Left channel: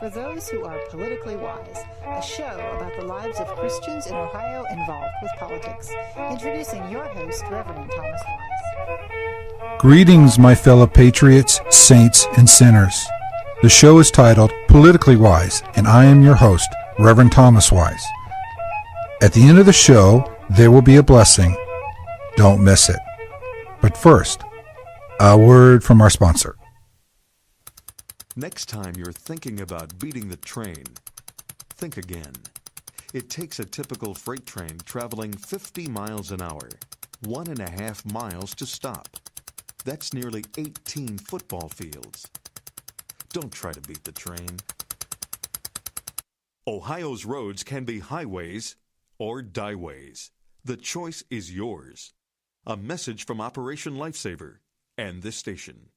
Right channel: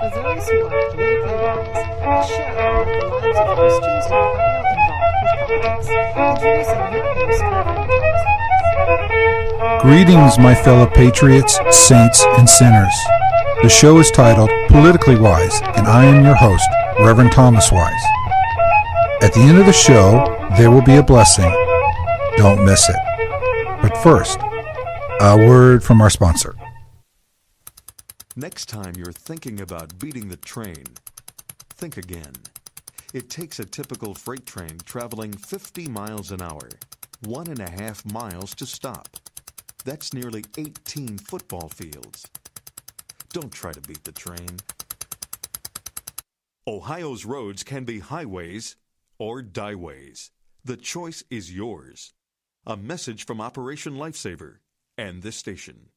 For Those Who Are Politically Wise, a show about the lives of Christians in Ohio involved with politics. Introducing your host, Reverend Thomas Wise. Greetings, my fellow patriots, saints, and sinners. The show is titled Politically Wise, and I am your host, Reverend Thomas Wise. At the end of the show, there will be a blessing. Don't miss it. But first, a word from our sponsor. Next time you're thinking about beating the train, think again. It takes a typical freight train traveling 50 miles an hour, 1.5 miles to stop. That's nearly 18 football fields. Don't try to beat the train. Ohio's roads can be highways or dieways. The choice is yours. A message from Operation Lifesaver and this station.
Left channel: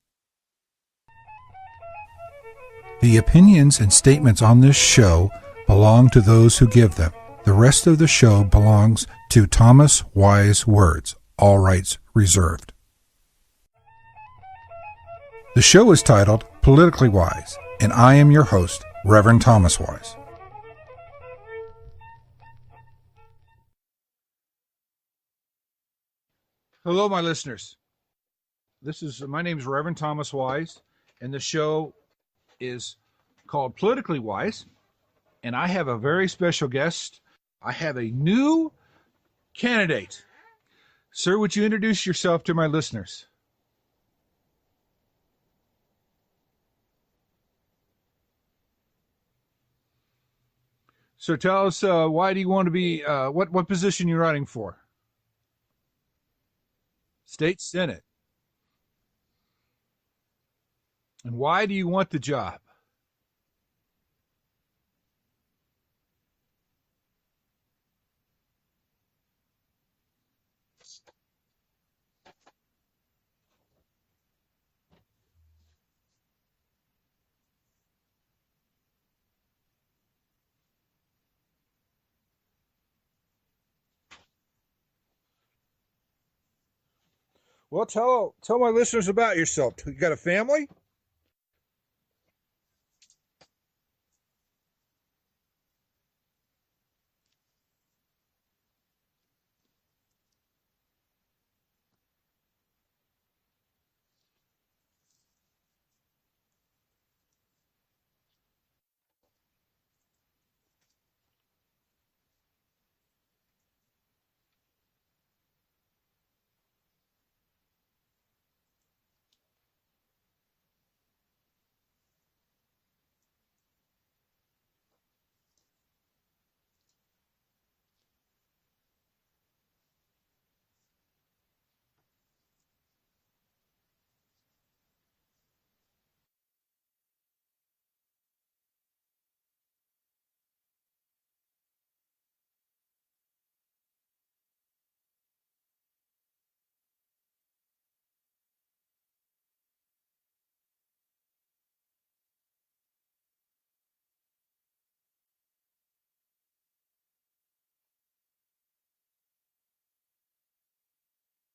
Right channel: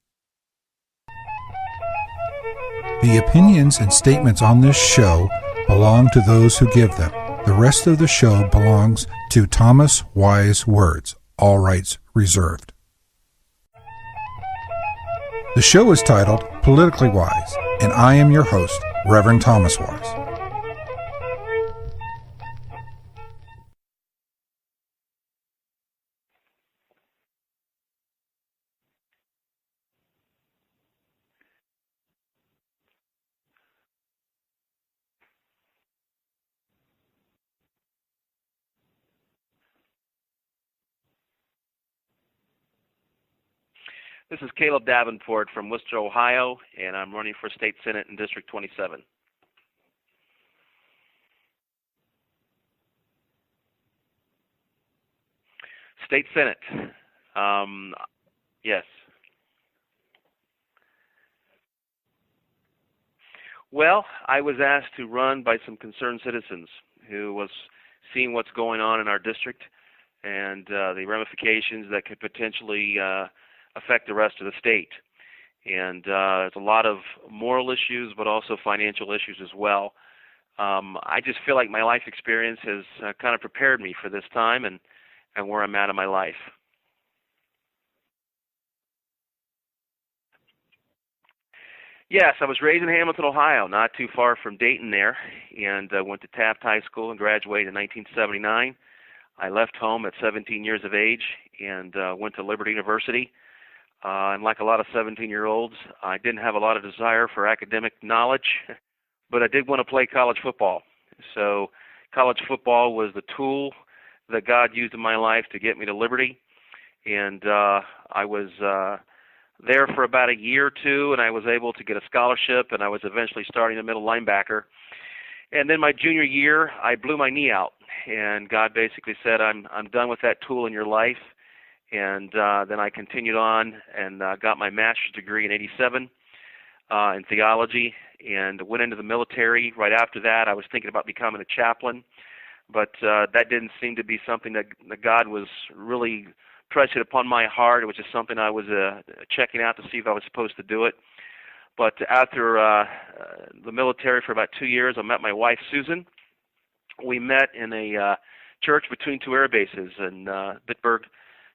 The opinions and statements on this show belong to those who give them. The rest of the show belongs to Thomas Wise Words, all rights reserved. The show is titled Politically Wise, and I am your host, Reverend Thomas Wise. Hello, my listeners. My name is Reverend Thomas Wise, and the show is called Politically Wise, and I have a very special guest. I have a new candidate. Sir, would you introduce yourself to my listeners? This is Caleb Davenport from Worcester, Ohio, and I'm running for State Senate in District 27. So tell us, why do you want to be, what position you're running for? State Senate. State Senate. Yes. And why do you want the job? Well, I was asked to run by some concerned citizens who was seeing what's going on in our district and the ramifications that could potentially affect the rest of the state. And there's a lot of moral issues, but also financial issues as well. I just feel like my life experience has kind of prepared me for this time and where I'm at in my life. Well, tell my listeners about yourself. You got a family? Yes, I was raised in Hamilton, Ohio, not too far from Dayton there, and went to Taft High School and graduated in 1979. I left home at 17 years of age and went to Liberty University. And like a lot of 17-year-olds, I didn't have a lot of desire for academic knowledge, but I did want to play college football. So college football was the tool that God used in my life to get me to Liberty. And I was there for about a year or two, and I was able to get a scholarship, and I was eventually starting a middle linebacker. And then my junior year, I blew my knee out, and God basically said, I'm done with that tool in your life. And then I continued on and got my master's degree in '87 in theology and went into the military. Right after that, I was thinking about becoming a chaplain, but that didn't seem to be something that God was really pressing upon my heart. It was just something I was checking out to see if I was supposed to do it. But after the military for about 2 years, I met my wife, Susan. We met in a church between two air bases in Bitburg,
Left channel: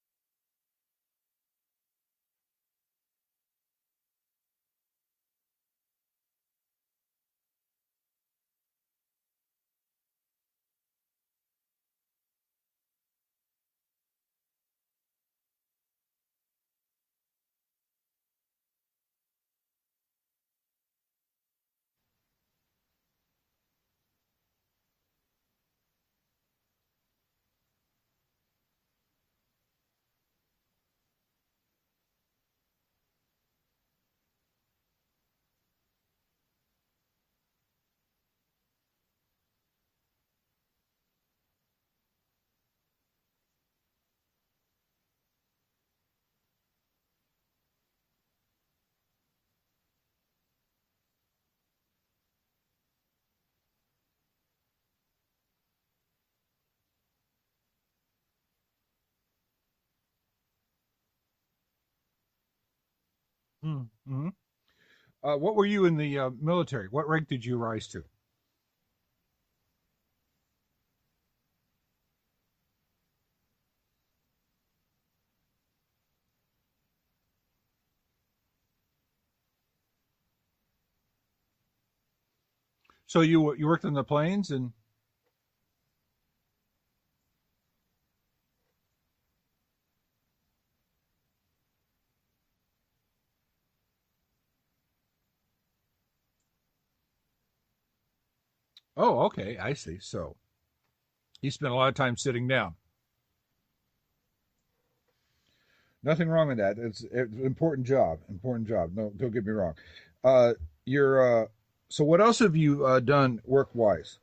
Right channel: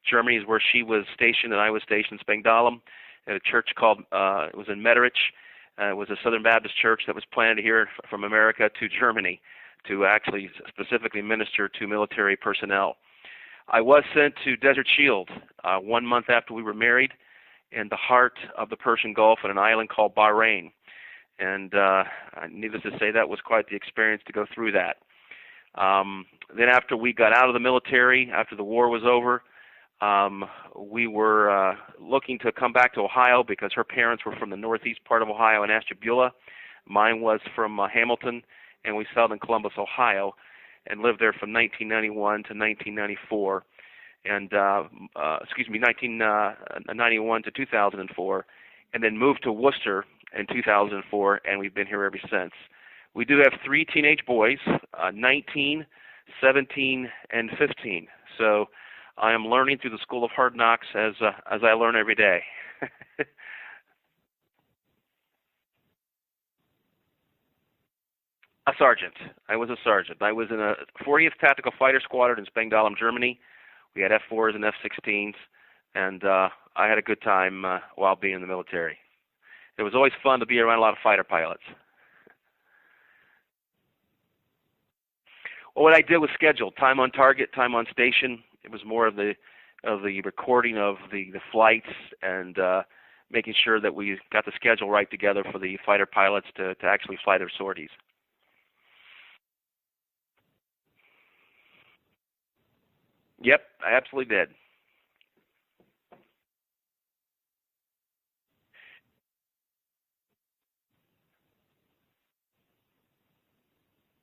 Germany is where she was stationed, and I was stationed in Spangdahlem at a church called, it was in Metterich. It was a Southern Baptist church that was planted here from America to Germany to actually specifically minister to military personnel. I was sent to Desert Shield 1 month after we were married in the heart of the Persian Gulf on an island called Bahrain. And needless to say, that was quite the experience to go through that. Then after we got out of the military, after the war was over, we were looking to come back to Ohio because her parents were from the northeast part of Ohio in Ashtabula. Mine was from Hamilton, and we settled in Columbus, Ohio, and lived there from 1991 to 1994, and 1991 to 2004, and then moved to Worcester in 2004, and we've been here ever since. We do have 3 teenage boys, 19, 17, and 15. So I am learning through the School of Hard Knocks as I learn every day. Mm-hmm. What were you in the military? What rank did you rise to? A sergeant. I was a sergeant. I was in a 40th Tactical Fighter Squadron in Spangdahlem, Germany. We had F-4s and F-16s, and I had a good time while being in the military. It was always fun to be around a lot of fighter pilots. So you worked in the planes and. Well, what I did was schedule time on target, time on station. It was more of the recording of the flights and making sure that we got the schedule right together for the fighter pilots to actually fly their sorties. Oh, okay, I see. So you spent a lot of time sitting down. Yep, I absolutely did. Nothing wrong with that. It's an important job. Important job. No, don't get me wrong. So what else have you done work-wise?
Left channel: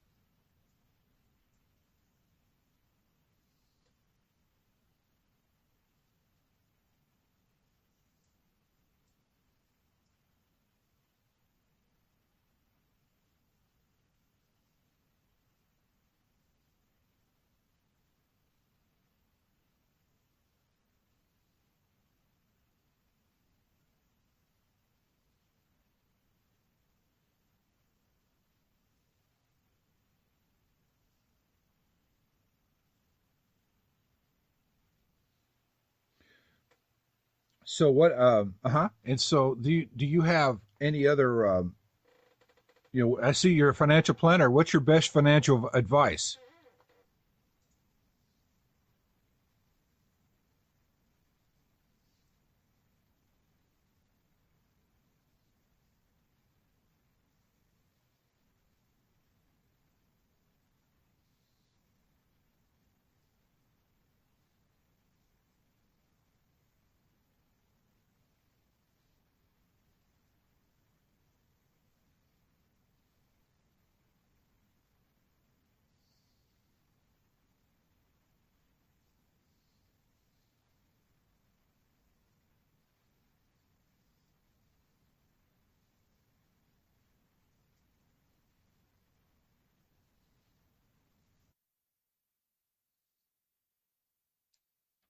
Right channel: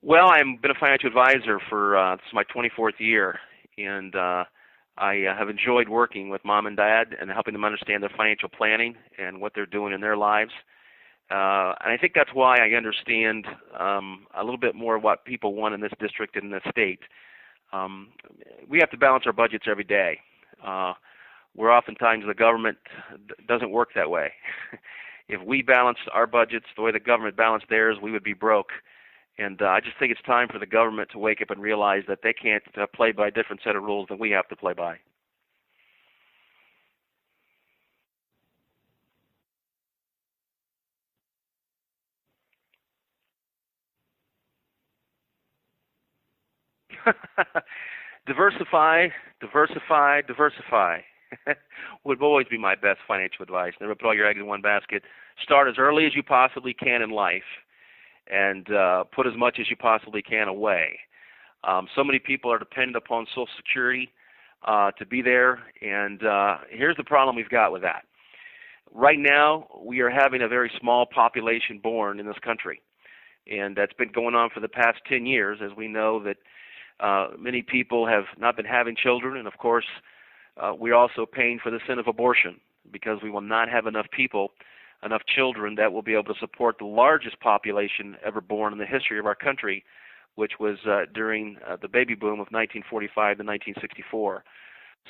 Well, I've been a financial advisor for this is my 24th year, and I have enjoyed working with mom and dad and helping them understand their financial planning and what they're doing in their lives. And I think that's why I understand a little bit more what people want in this district and in this state. We have to balance our budgets every day. Where oftentimes the government doesn't work that way. If we balanced our budgets the way the government balanced theirs, we would be broke. And I just think it's time for the government to wake up and realize that they can't play by a different set of rules than we have to play by. So what? And so do you have any other? I see you're a financial planner. What's your best financial advice? Diversify, diversify, diversify. Would always be my best financial advice. Never put all your eggs in one basket. Start as early as you possibly can in life, and put as much as you possibly can away. So many people are dependent upon Social Security to be there, and here's the problem we've got with that. Right now, we are having a very small population born in this country, and that's been going on for the past 10 years, as we know that many people have not been having children, and of course, we're also paying for the sin of abortion because we will not have enough people, enough children that will be able to support the largest population ever born in the history of our country, which was during the baby boom of 1945 to 1964.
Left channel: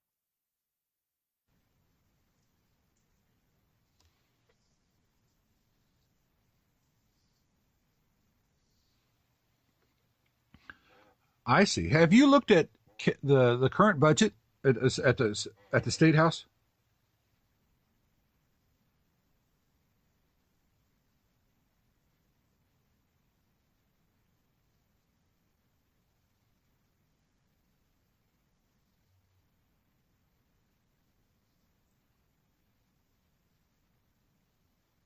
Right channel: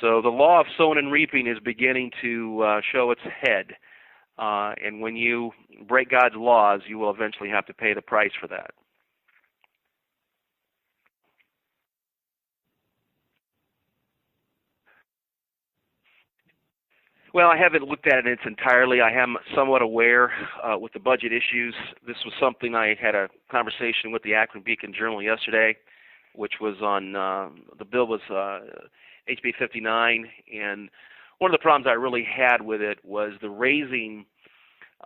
So the law of sowing and reaping is beginning to show its head. And when you break God's laws, you will eventually have to pay the price for that. I see. Have you looked at the current budget at the State House? Well, I haven't looked at it in its entirely. I am somewhat aware with the budget issues. This was something I had a conversation with the Akron Beacon Journal yesterday, which was on the bill was HB 59, and one of the problems I really had with it was the raising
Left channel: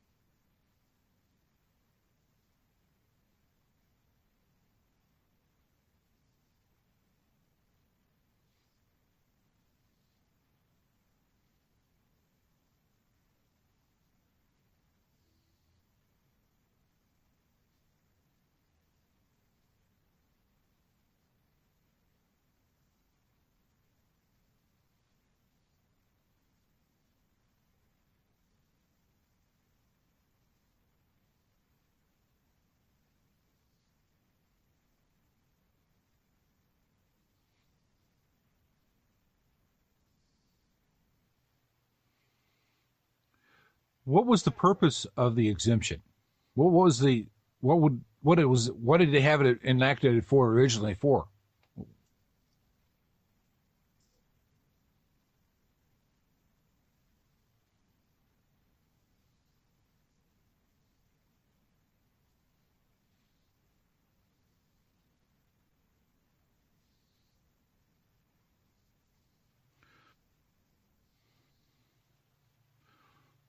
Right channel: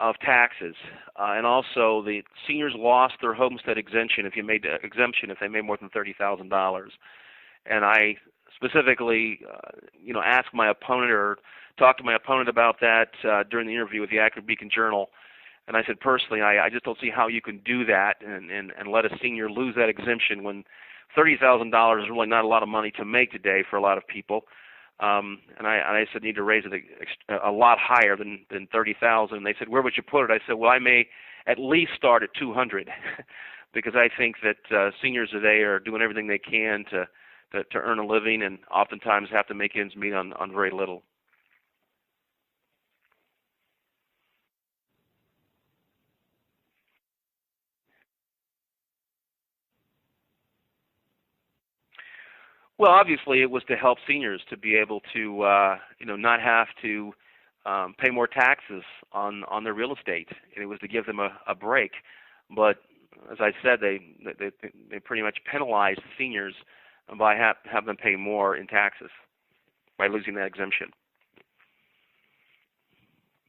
of taxes, and also the seniors lost their homestead exemption if they made more than $30,000, and I specifically, asked my opponent or talked to my opponent about that during the interview with the Akron Beacon Journal, and I said personally, I just don't see how you can do that and let a senior lose that exemption when $30,000 is really not a lot of money to make today for a lot of people. And I said, need to raise it a lot higher than $30,000. And they said, where would you put it? I said, well, I may at least start at $200 because I think that seniors today are doing everything they can to earn a living and oftentimes have to make ends meet on very little. What was the purpose of the exemption? What did they have it enacted for originally for? Well, obviously, it was to help seniors to be able to, not have to pay more taxes on their real estate, and it was to give them a break. But as I said, they pretty much penalized seniors by having them pay more in taxes by losing that exemption.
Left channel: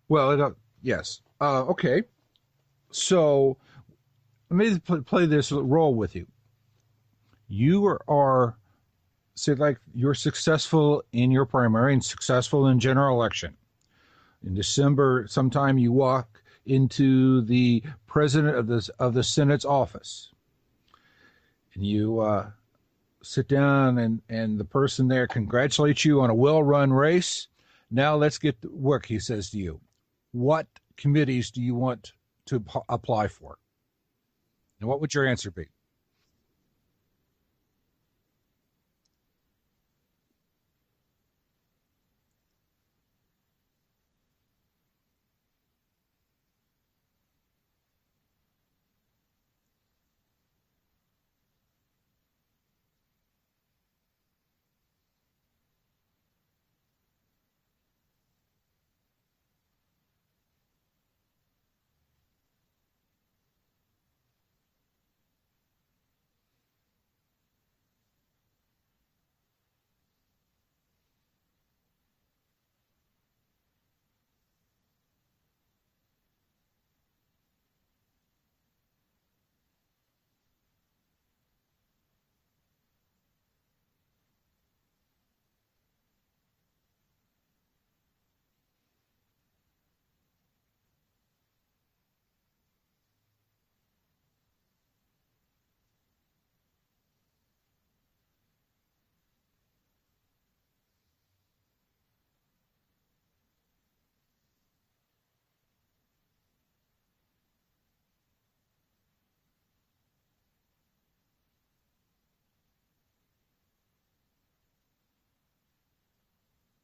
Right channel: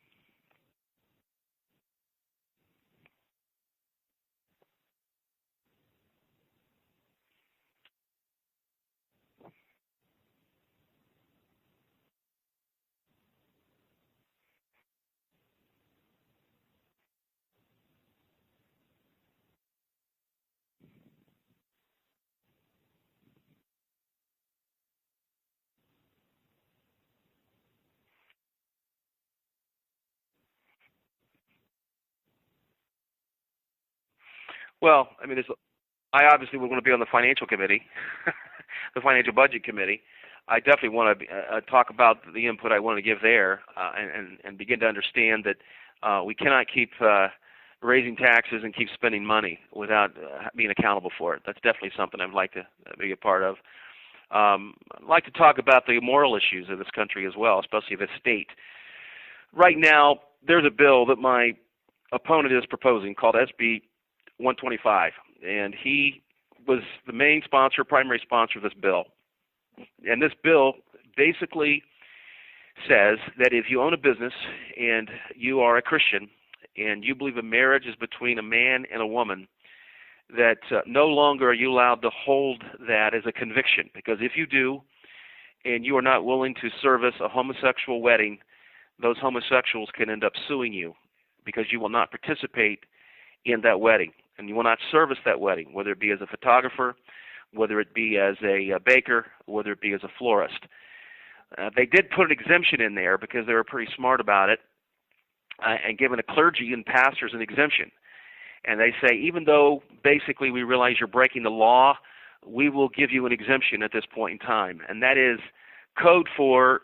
Well, yes. Okay. So let me play this role with you. You are say like you're successful in your primary and successful in general election. In December, sometime you walk into the president of the Senate's office, and you sit down, and the person there congratulates you on a well-run race. Now let's get to work, he says to you. What committees do you want to apply for? Well, what would your answer be? I obviously would want to be on the financial committee, the financial budget committee. I definitely want to talk about the input I want to give there and begin to understand that we cannot keep raising taxes and keep spending money without being accountable for it. That's definitely something I'd like to be a part of. I'd like to talk about the moral issues of this country as well, especially the state. Right now, there's a bill that my opponent is proposing called SB 125, and he was the main sponsor, primary sponsor of this bill. And this bill basically says that if you own a business and you are a Christian and you believe a marriage is between a man and a woman, that no longer are you allowed to hold that as a conviction, because if you do and you are not willing to service a homosexual wedding, those homosexuals can end up suing you because you will not participate in that wedding and you will not service that wedding, whether it be as a photographer, whether it be as a baker, whether it be as a florist. They did put an exemption in there because they were pretty smart about it, and given a clergy and pastors an exemption. And they say, even though basically we realize you're breaking the law, we will give you an exemption at this point in time. And that is code for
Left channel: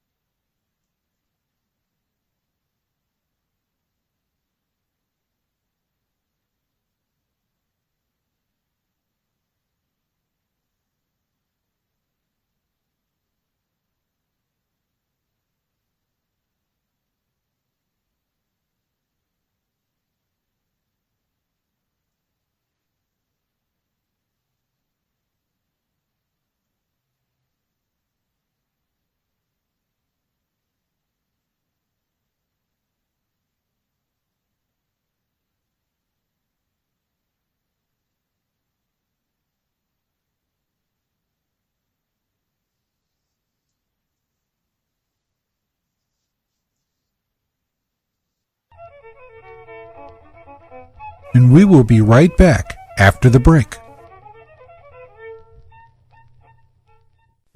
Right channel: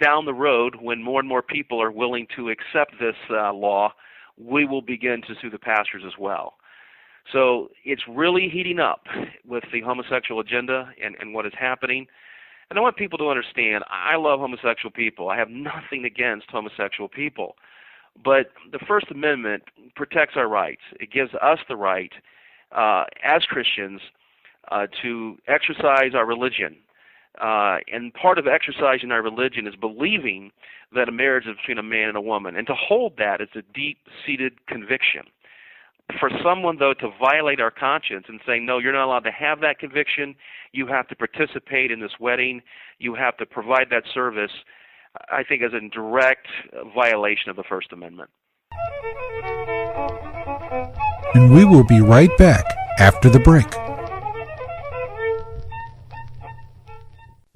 down the road, when more and more people are willing to accept this law, we will begin to sue the pastors as well. So it's really heating up with the homosexual agenda and what is happening. And I want people to understand, I love homosexual people. I have nothing against homosexual people. But the First Amendment protects our rights. It gives us the right, as Christians, to exercise our religion. And part of exercising our religion is believing that a marriage is between a man and a woman. And to hold that is a deep-seated conviction. For someone, though, to violate our conscience and say, no, you're not allowed to have that conviction, you have to participate in this wedding, you have to provide that service, I think is a direct violation of the First Amendment. And we will be right back after the break.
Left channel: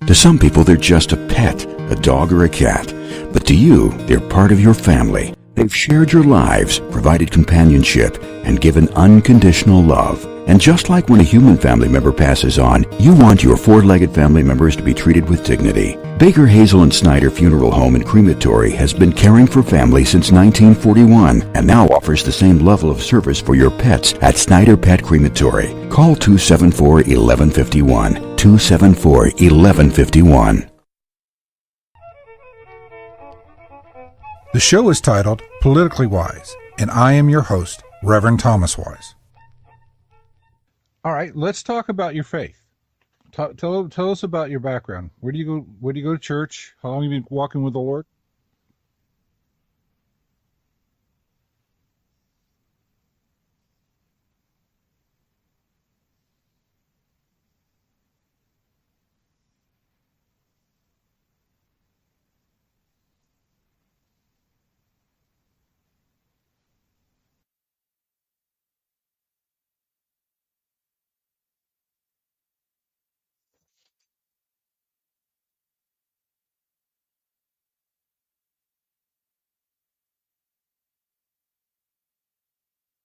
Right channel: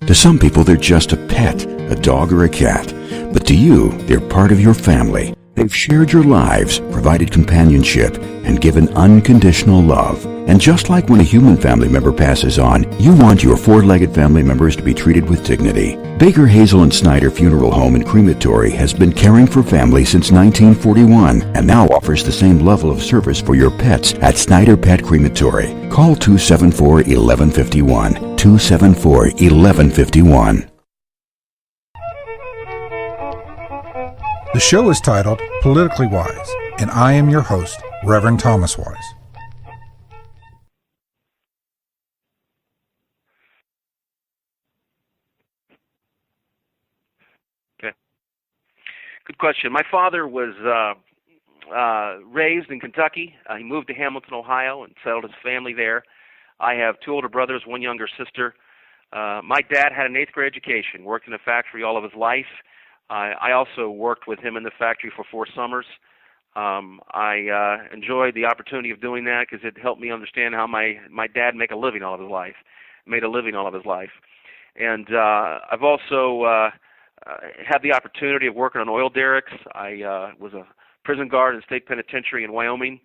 To some people, they're just a pet, a dog or a cat. But to you, they're part of your family. They've shared your lives, provided companionship, and given unconditional love. And just like when a human family member passes on, you want your four-legged family members to be treated with dignity. Baker, Hazel, and Snyder Funeral Home and Crematory has been caring for families since 1941 and now offers the same level of service for your pets at Snyder Pet Crematory. Call 274-1151. 274-1151. The show is titled Politically Wise, and I am your host, Reverend Thomas Wise. All right, let's talk about your faith. Tell us about your background. Where do you go? Where do you go to church? How long have you been walking with the Lord? Good question. My father was raised in Kentucky. He moved to Hamilton, Ohio, and settled his family there. I have two older brothers, one younger sister. My dad had an 8th grade education, worked in a factory all of his life. I also worked with him in the factory for 4 summers. I enjoyed the opportunity of doing that because it helped me understand how my dad made a living all of his life. And I've also had the opportunity of working on oil derricks. I was a prison guard in the state penitentiary in Wyoming.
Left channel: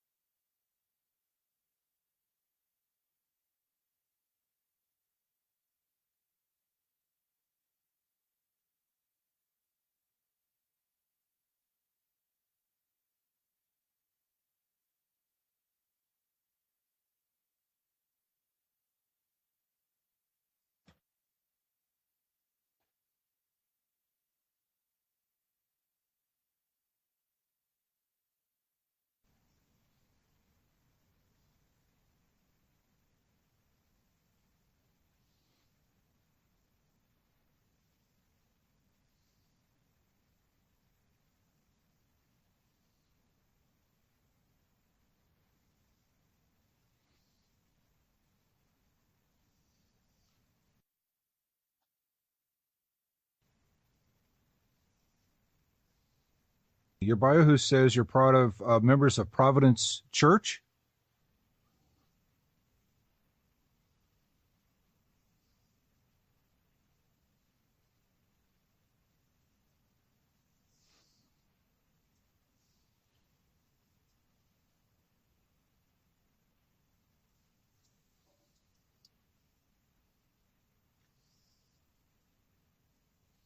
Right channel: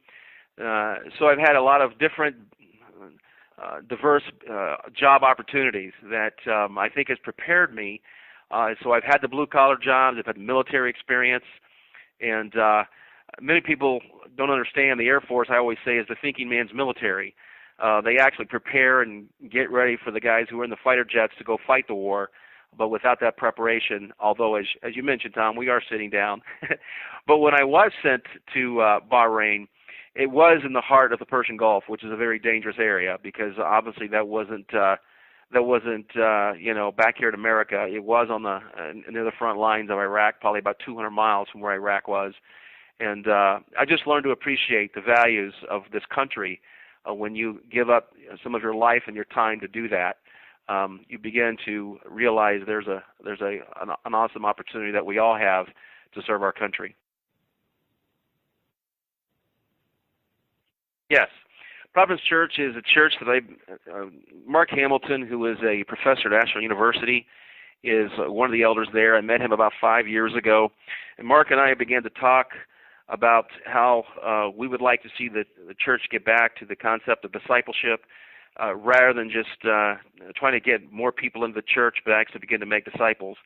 So I've had a lot of different diverse job opportunities that I think has prepared me. So I've had the blue-collar jobs, I've had military experience, and many people don't understand the Air Force, I always say, is the thinking man's military. They actually prepare and get ready for the guys who are in the fighter jets to go fight the war, but without that preparation, although, as you mentioned, Tom, we are sitting down. But when I was sent to Bahrain, it was in the heart of the Persian Gulf, which is a very dangerous area because obviously that wasn't back here in America. It was on the near the front lines of Iraq, probably about 200 miles from where Iraq was. And I just learned to appreciate the values of this country when you give up some of your life and your time to do that. You begin to realize there's an awesome opportunity that we all have to serve our country. Your bio says you're part of members of Providence Church? Yes. Providence Church is a church that Mark Hamilton, who is a professor at Ashland University, is one of the elders there. I met him about 5 years ago. And Mark and I began to talk about how we would like to see the church get back to the concept of discipleship rather than just trying to get more people into the church, but actually begin to make disciples.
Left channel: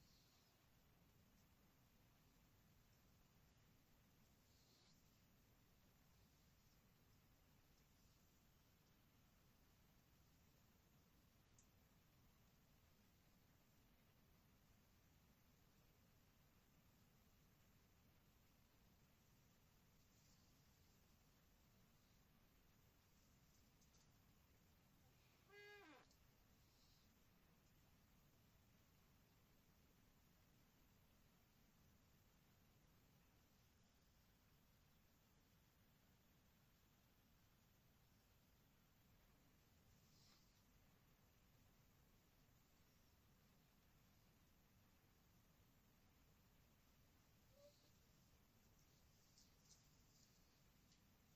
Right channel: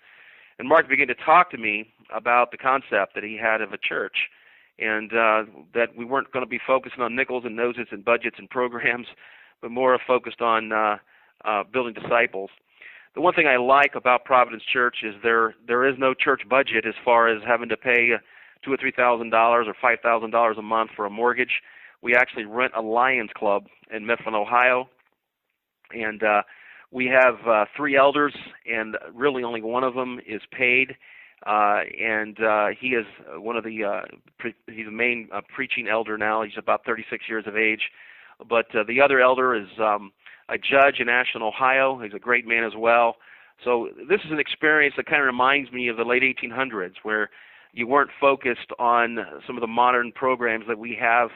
And Mark began to talk to me about the concept that he had of a church, and that we weren't going to be focusing on nickels and noses and budgets and programs, but more focused on building disciples. The one thing I like about Providence Church is there is no church budget as far as having to pay $2,000 or $3,000 or $5,000 a month for a mortgage. We actually rent a Lions Club in Mifflin, Ohio, and we have 3 elders, and really only one of them is paid, and he is one of the he's the main preaching elder now. He's about 36 years of age, but the other elder is a judge in Ashland, Ohio. He's a great man as well. So this is an experience that kind of reminds me of the late 1800s, where you weren't focused on some of the modern programs that we have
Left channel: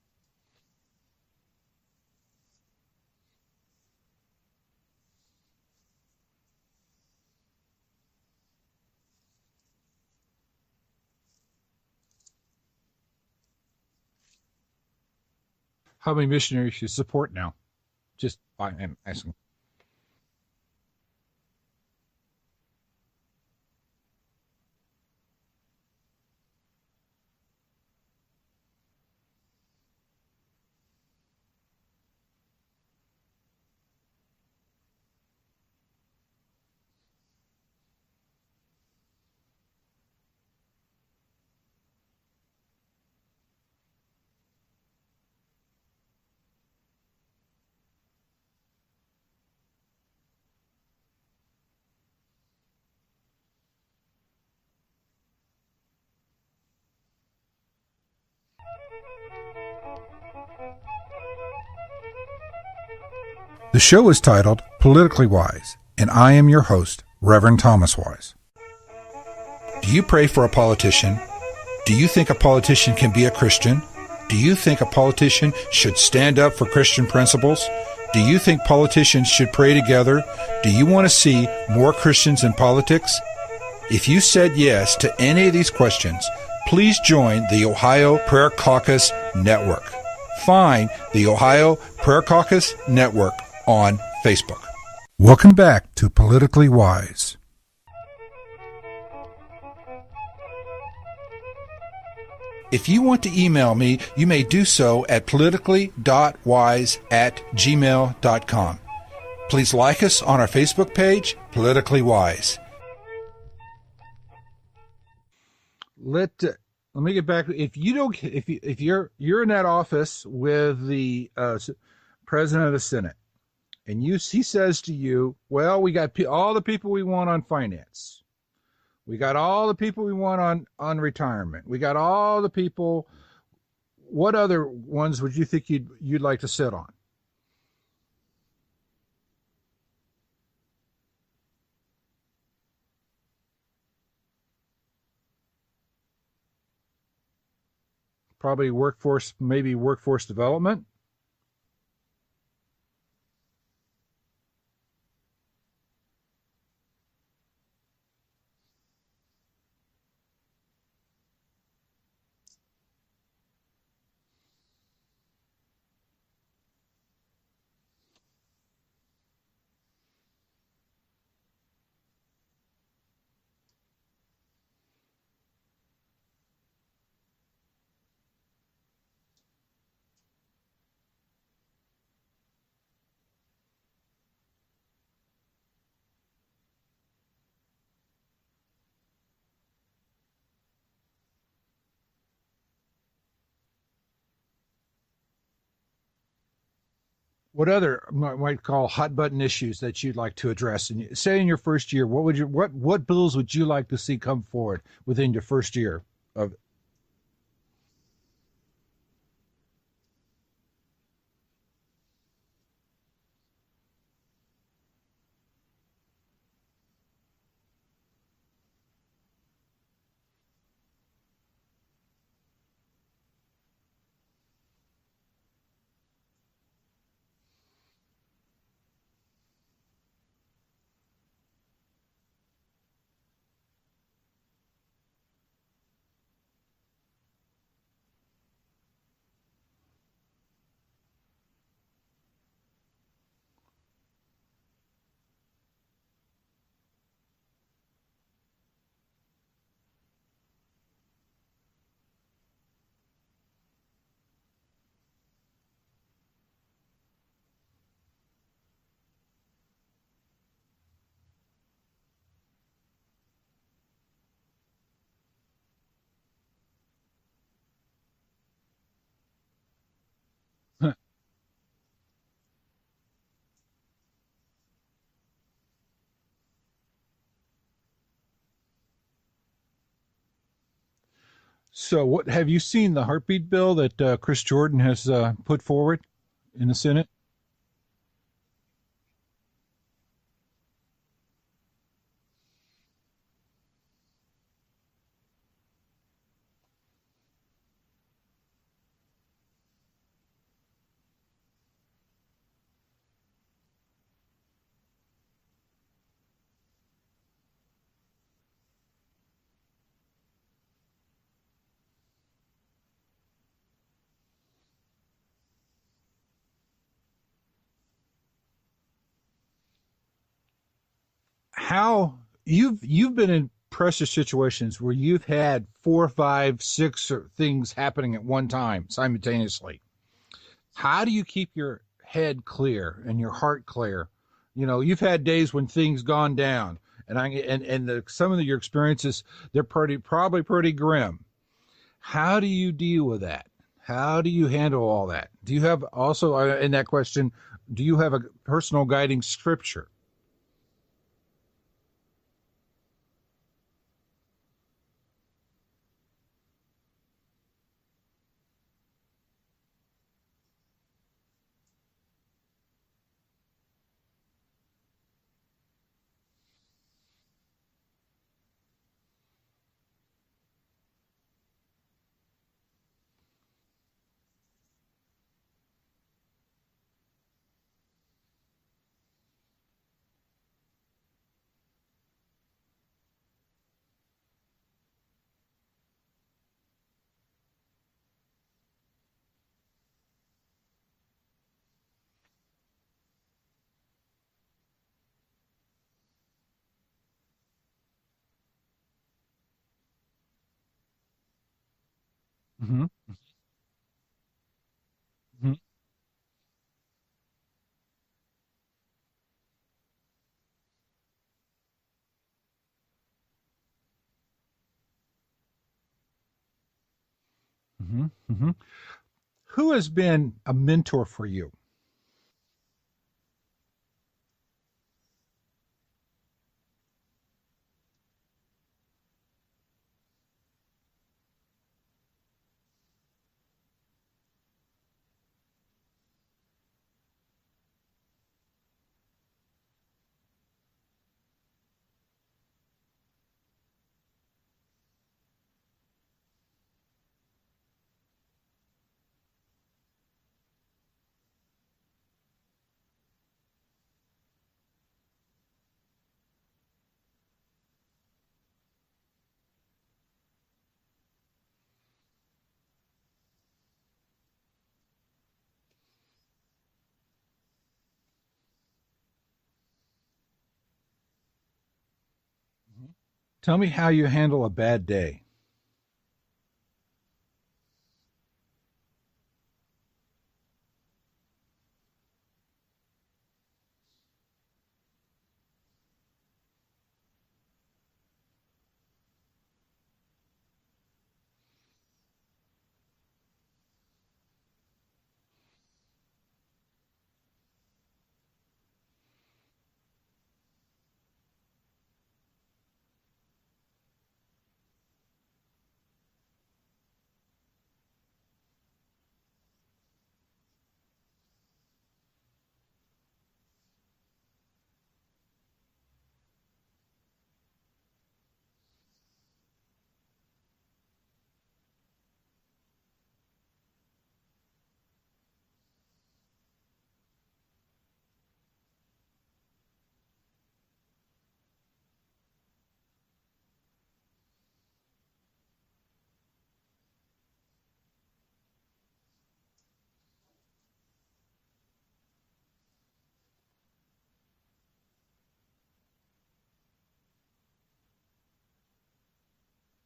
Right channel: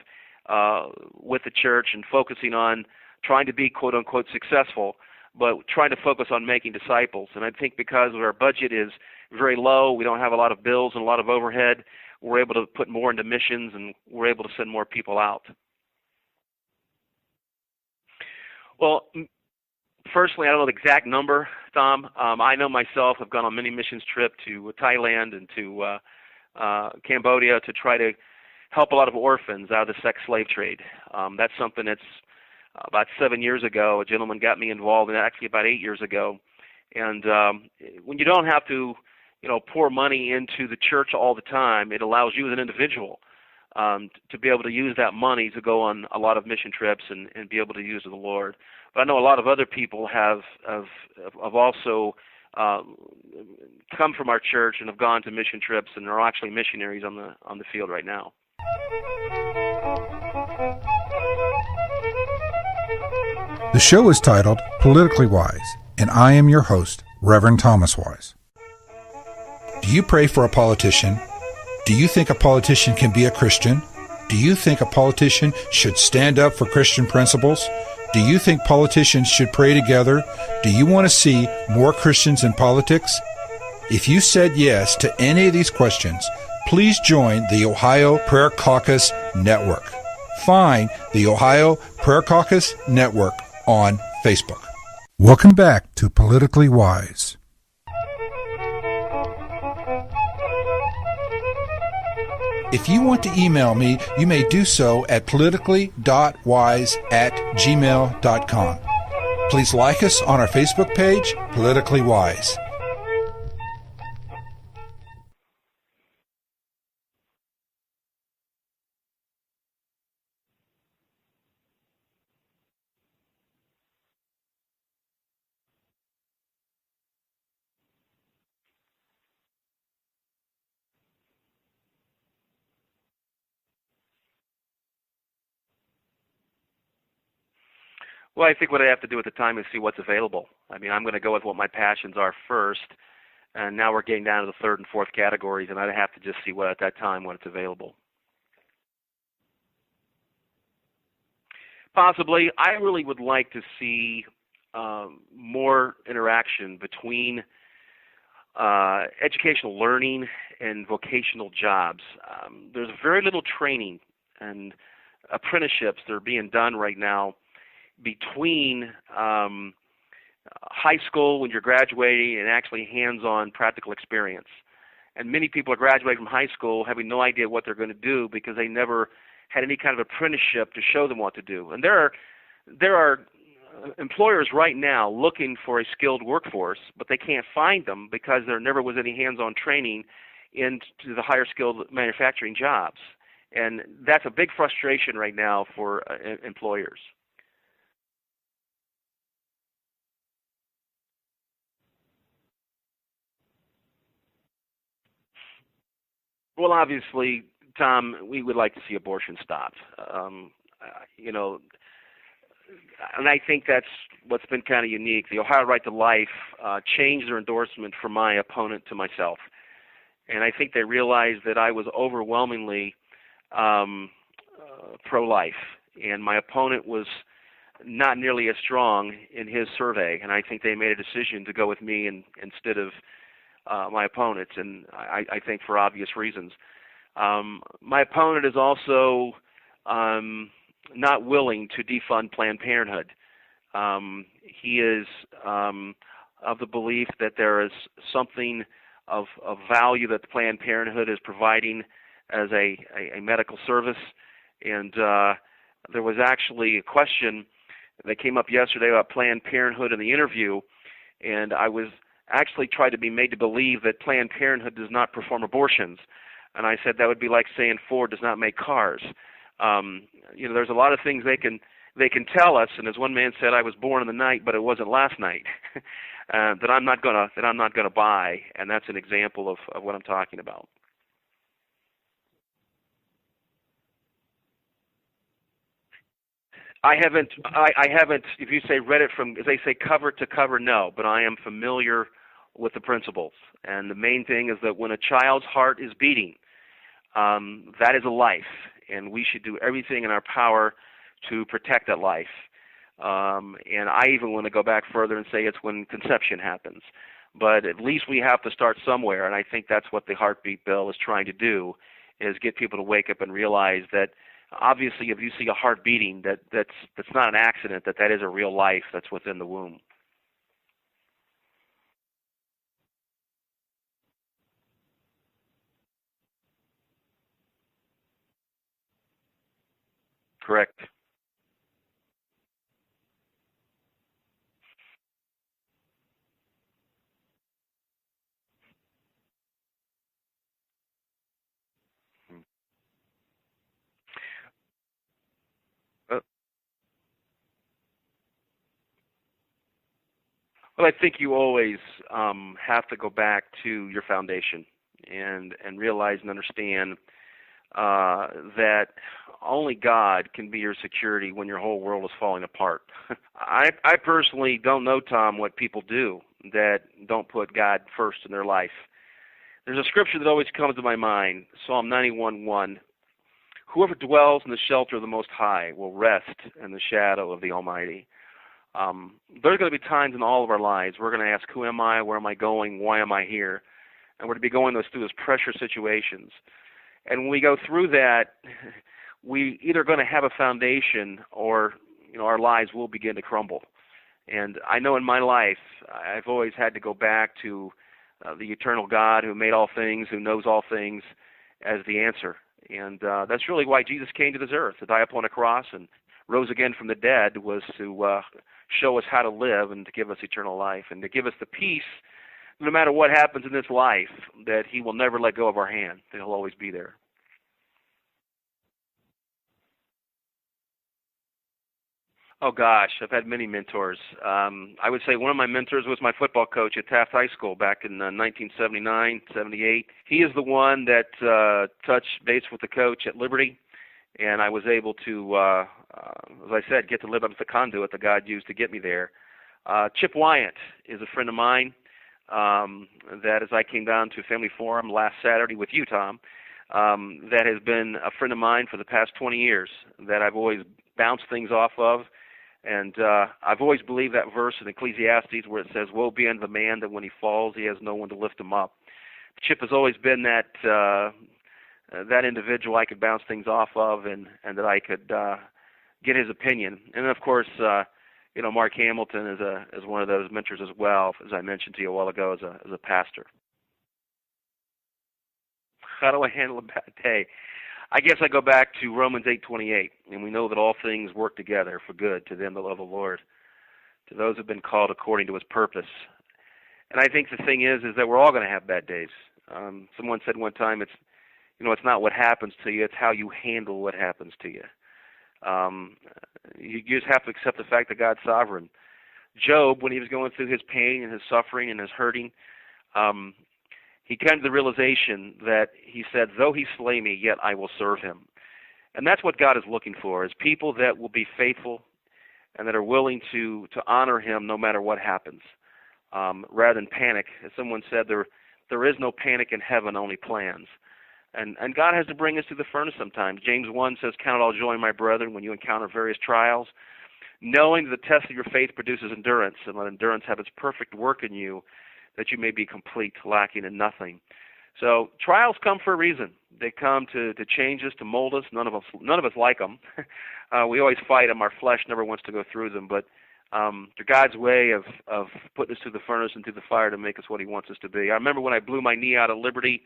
with the church and focusing on trying to be quote-unquote successful, but trying to focus on making disciples. And I think because our budget is very low, we don't have a lot of bills and a lot of overhead, we're able to put more into missions, and we're able to send more people out. How many missionaries do you support now? Just well, personally, I don't know the exact number, Tom. I know myself, I've gone on many missions trips to Thailand and to Cambodia to try to help a lot of orphans out of the sex slave trade. That's something that's about 7 years ago. A gentleman got me involved in that, actually about 8 years ago. And when you don't have to, pour money into the church all the time, it allows you as an individual to be able to use that money to go on a lot of mission trips and be able to use it to the Lord. But I know a lot of other people have also come from our church and have gone to mission trips and are actually missionaries on the field right now. The show is titled Politically Wise, and I am your host, Reverend Thomas Wise. Do you pray for a politician? Do you think a politician can be a Christian? Do you think a politician should stand up for Christian principles? Do you think politicians should pray together? Do you want to see more Christians in politics? If you said yes to any of these questions, please join the Ohio Prayer Caucus Network. Find the Ohio Prayer Caucus Network on Facebook. Welcome back to Politically Wise. If you want to email me, you may do so at politically.wise@gmail.com. Please like us on our Facebook page, Politically Wise. Let me get back. If you're in that office with the president of the Senate, and he says to you, "Well, we got all the people we want on finance. We got all the people we want on retirement. We got all the people." What other ones would you think you'd like to sit on? Well, I think what I have to do at the time is see what's available. I mean, I'm going to go with what my passions are first, and now we're getting down to the third and fourth categories, and I'd have to just see what at that time when it's available. Probably workforce development. Possibly. I really would like to see more interaction between educational learning and vocational jobs. There's very little training and apprenticeships that are being done right now between high school when you're graduating and actually hands-on practical experience. And many people are graduating from high school having no idea what they're going to do because they never had any kind of apprenticeship to show them what to do. And there are employers right now looking for a skilled workforce, but they can't find them because there never was any hands-on training into the higher skilled manufacturing jobs. And that's a big frustration right now for employers. What other might call hot button issues that you'd like to address? And say in your first year, what bills would you like to see come forward within your first year? Well, obviously, Tom, we would like to see abortion stopped. And I think that's what's been kind of unique. The Ohio Right to Life changed their endorsement from my opponent to myself. And I think they realized that I was overwhelmingly pro-life. And my opponent was not nearly as strong in his survey. And I think they made a decision to go with me instead of my opponent, and I think for obvious reasons. My opponent is also not willing to defund Planned Parenthood. He is of the belief that there is something of value that Planned Parenthood is providing as a medical service. And there was actually a question that came up yesterday about Planned Parenthood in the interview, and I was actually tried to be made to believe that Planned Parenthood does not perform abortions. And I said that would be like saying Ford does not make cars. There's a lot of things they can tell us, and as one man said, I was born in the night, but it wasn't last night. That I'm not gonna buy, and that's an example of what I'm talking about. So, what have you seen the heartbeat bill that Chris Jordan has put forward in the Senate? I haven't. If you say read it from, as they say, cover to cover, no. But I am familiar with the principles, and the main thing is that when a child's heart is beating, that is a life, and we should do everything in our power to protect that life. And I even want to go back further and say it's when conception happens. But at least we have to start somewhere, and I think that's what the heartbeat bill is trying to do, is get people to wake up and realize that obviously if you see a heart beating, that's not an accident, that is a real life that's within the womb. How you've been in pressure situations where you've had 4, 5, 6 things happening at one time simultaneously. Correct. How do you keep your head clear and your heart clear? You've had days when things gone down, and some of your experiences, they're probably pretty grim. How do you deal with that? How do you handle all that? Do you have also in that question? Do you have a personal guiding scripture? Well, I think you always have to go back to your foundation and realize and understand that only God can be your security when your whole world is falling apart. I personally don't know, Tom, what people do that don't put God first in their life. There's a scripture that always comes to my mind, Psalm 91:1. Whoever dwells in the shelter of the Most High will rest in the shadow of the Almighty. There's going to be times in all of our lives we're going to ask, who am I, where am I going, why am I here? And we're going to be going through those pressure situations. And when we go through that, we either going to have a foundation or our lives will begin to crumble. And I know in my life I've always had to go back to the eternal God who made all things, who knows all things, as the answer. Mm-hmm. And that's really why Jesus came to this earth, to die upon a cross and rose again from the dead, was to show us how to live and to give us eternal life and to give us the peace, no matter what happens in this life, that he will never let go of our hand, that he'll always be there. Mm-hmm. Mm-hmm. Who has been a mentor for you? Oh, gosh, I've had many mentors. I would say one of my mentors was my football coach at Taft High School back in 1979, 78. He is the one that touched base with the coach at Liberty, and I was able to, as I said, get to live up to the conduit that God used to get me there. Chip Wyant is a friend of mine that as I came down to Family Forum last Saturday with you, Tom, that has been a friend of mine for the past 20 years that I've always bounced things off of. And I've always believed that verse in Ecclesiastes where it says, woe be unto the man that when he falls, he has no one to lift him up. Chip has always been that individual I could bounce things off of and that I could get his opinion. And, of course, Mark Hamilton is one of those mentors as well, as I mentioned to you a while ago, as a pastor. Tell me how you handle a bad day. How do I handle a bad day? I guess I go back to Romans 8:28, and we know that all things work together for good to them that love the Lord, to those who have been called according to his purpose. And I think the thing is that we're all going to have bad days. Someone said one time, it's not what happens to you, it's how you handle what happens to you. You just have to accept the fact that God's sovereign. Job, when he was going through his pain and his suffering and his hurting, he came to the realization that he said, though he slay me, yet I will serve him. And that's what God is looking for, is people that will be faithful and that are willing to honor him no matter what happens, rather than panic. As someone said, there is no panic in heaven, only plans. And God has to bring us through the furnace sometimes. James 1 says, count it all joy, my brethren, when you encounter various trials, knowing that the test of your faith produces endurance, and let endurance have its perfect work in you, that you may be complete, lacking in nothing. So trials come for a reason. They come to change us, to mold us. None of us like them. We always fight them. Our flesh never wants to go through them. But they're God's way of putting us through the furnace and through the fire to make us what he wants us to be. I remember when I blew my knee out of Liberty,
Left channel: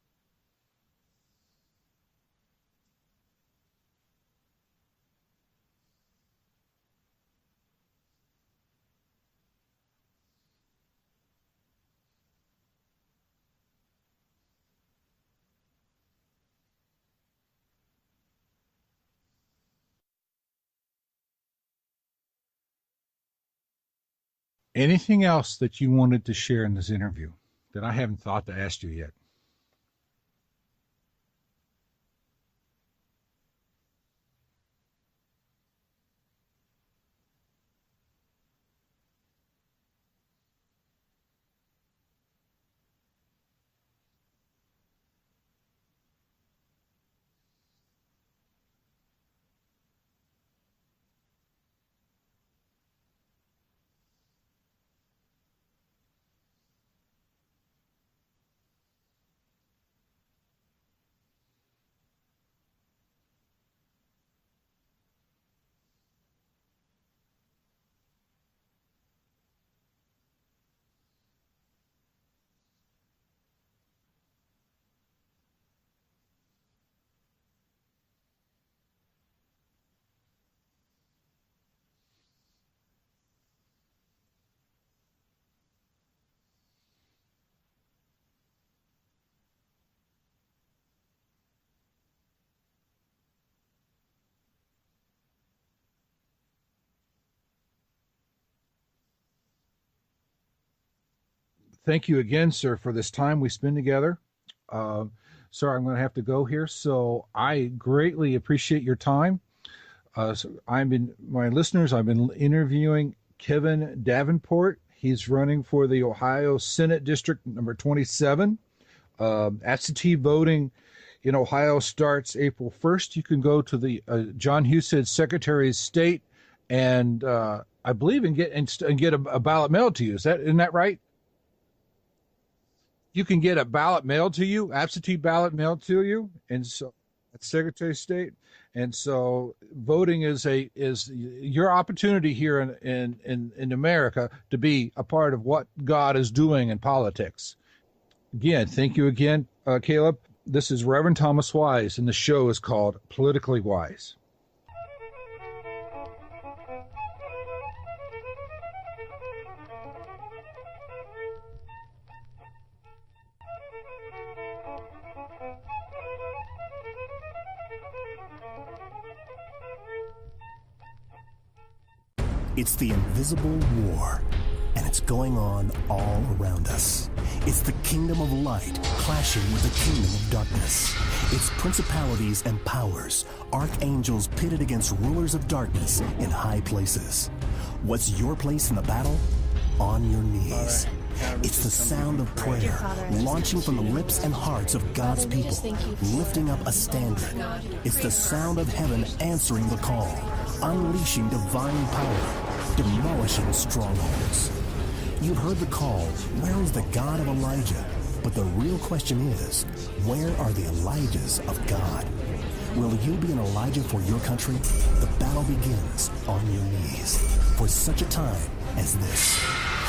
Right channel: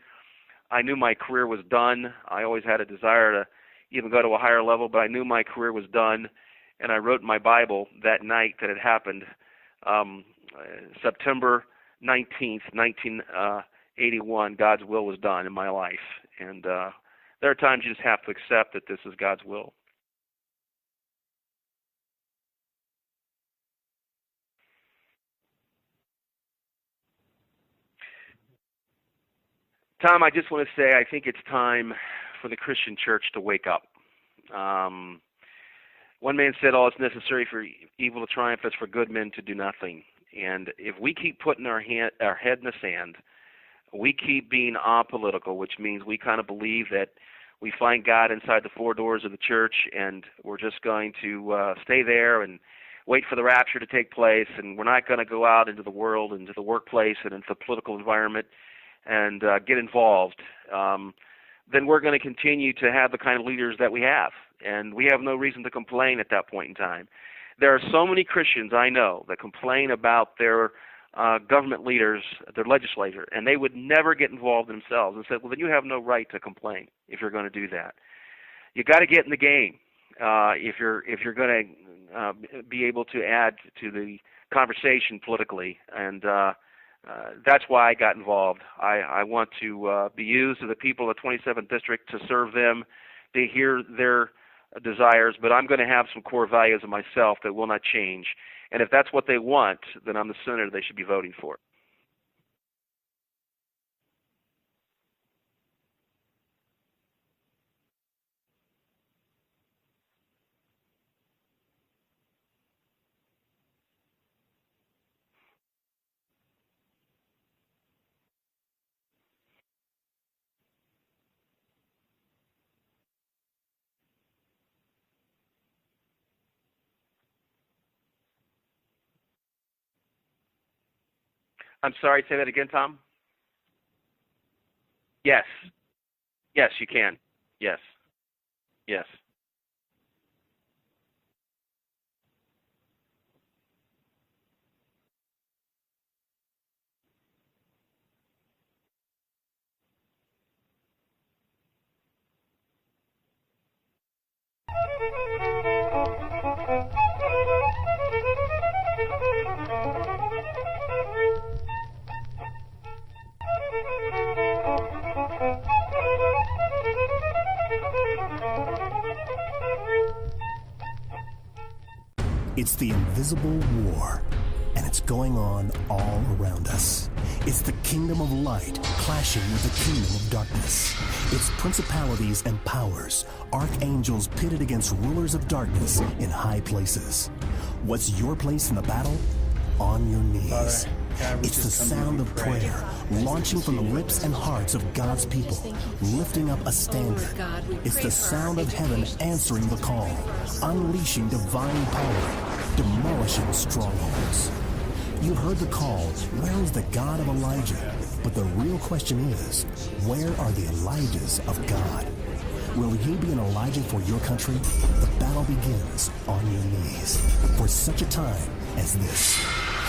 I knew my career was done. I always had a desire to even go to a higher level, but I knew my career was done. And I wrote in my Bible that night that it happened, September 19th, 1981, God's will was done in my life. And there are times you just have to accept that this is God's will. Anything else that you wanted to share in this interview that I haven't thought to ask you yet? Tom, I just want to say I think it's time for the Christian church to wake up. One man said, all it's necessary for evil to triumph is for good men to do nothing. And if we keep putting our head in the sand, we keep being apolitical, which means we kind of believe that we find God inside the four doors of the church and we're just going to stay there and wait for the rapture to take place, and we're not going to go out into the world, into the workplace, and into the political environment and get involved, then we're going to continue to have the kind of leaders that we have. And we have no reason to complain at that point in time. There are so many Christians I know that complain about their government leaders, their legislature, and they would never get involved themselves and said, well, then you have no right to complain if you're going to do that. You got to get in the game if you're going to be able to add to the conversation politically, and that's why I got involved. I want to be used to the people of the 27th District to serve them, to hear their desires, but I'm going to have some core values of myself that will not change. And if that's what they want, then I'm the senator they should be voting for. Thank you again, sir, for this time we spend together. Sir, I'm going to have to go here, so I greatly appreciate your time. So my listeners, I've been interviewing Kevin Davenport. He's running for the Ohio Senate District number 27. Absentee voting in Ohio starts April 1st. You can go to the John Husted Secretary of State and I believe and get a ballot mailed to you. Isn't that right? I'm sorry, say that again, Tom. You can get a ballot mailed to you, absentee ballot mailed to you. And yes, you can. At Secretary of State. And yes. So voting is your opportunity here in America to be a part of what God is doing in politics. Again, thank you again, Caleb. This is Reverend Thomas Wise, and the show is called Politically Wise. It's the invisible war, and it's going on all around us. It's the kingdom of light clashing with the kingdom of darkness. It's principalities and powers, archangels pitted against rulers of darkness in high places. What's your place in the battle? On your knees. It's the sound of prayer, launching from the lips and hearts of God's people, lifting up a standard. It's the sound of heaven answering the call, unleashing divine power, demolishing strongholds. You've heard the call, where is the God of Elijah? But the real question is, where are the Elijahs of God? Will you be an Elijah for your country? The battle begins on your knees for such a time as this.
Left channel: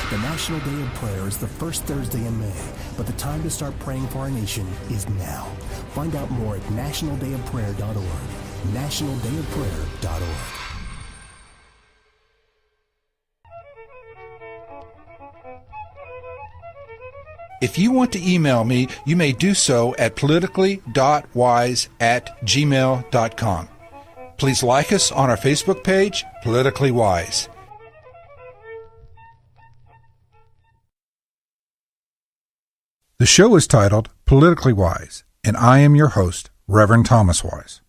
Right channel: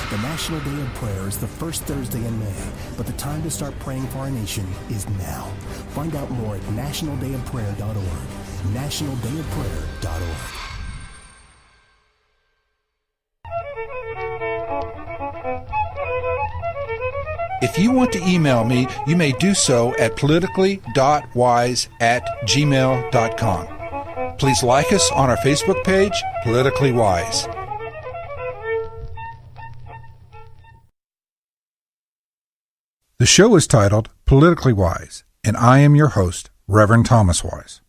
The National Day of Prayer is the first Thursday in May, but the time to start praying for our nation is now. Find out more at nationaldayofprayer.org. nationaldayofprayer.org. If you want to email me, you may do so at politically.wise@gmail.com. Please like us on our Facebook page, Politically Wise. The show is titled Politically Wise, and I am your host, Reverend Thomas Wise.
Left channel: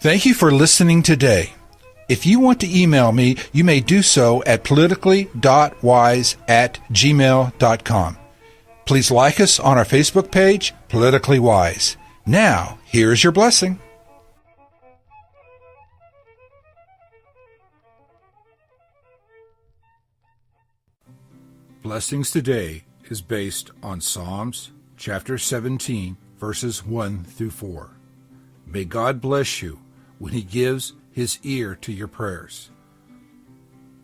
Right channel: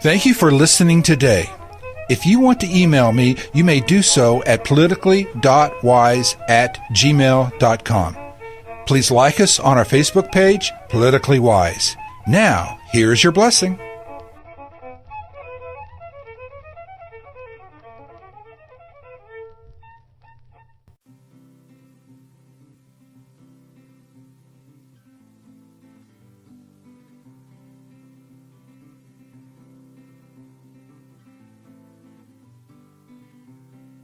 Thank you for listening today. If you want to email me, you may do so at politically.wise@gmail.com. Please like us on our Facebook page, Politically Wise. Now, here is your blessing. Blessings today is based on Psalms chapter 17, verses 1 through 4. May God bless you when He gives His ear to your prayers,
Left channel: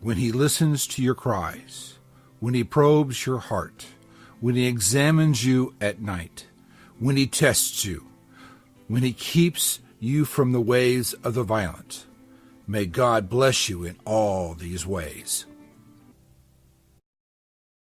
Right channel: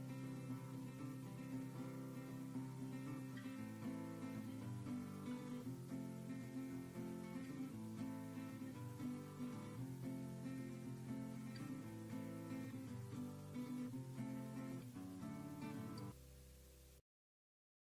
when He listens to your cries, when He probes your heart, when He examines you at night, when He tests you, when He keeps you from the ways of the violent. May God bless you in all these ways.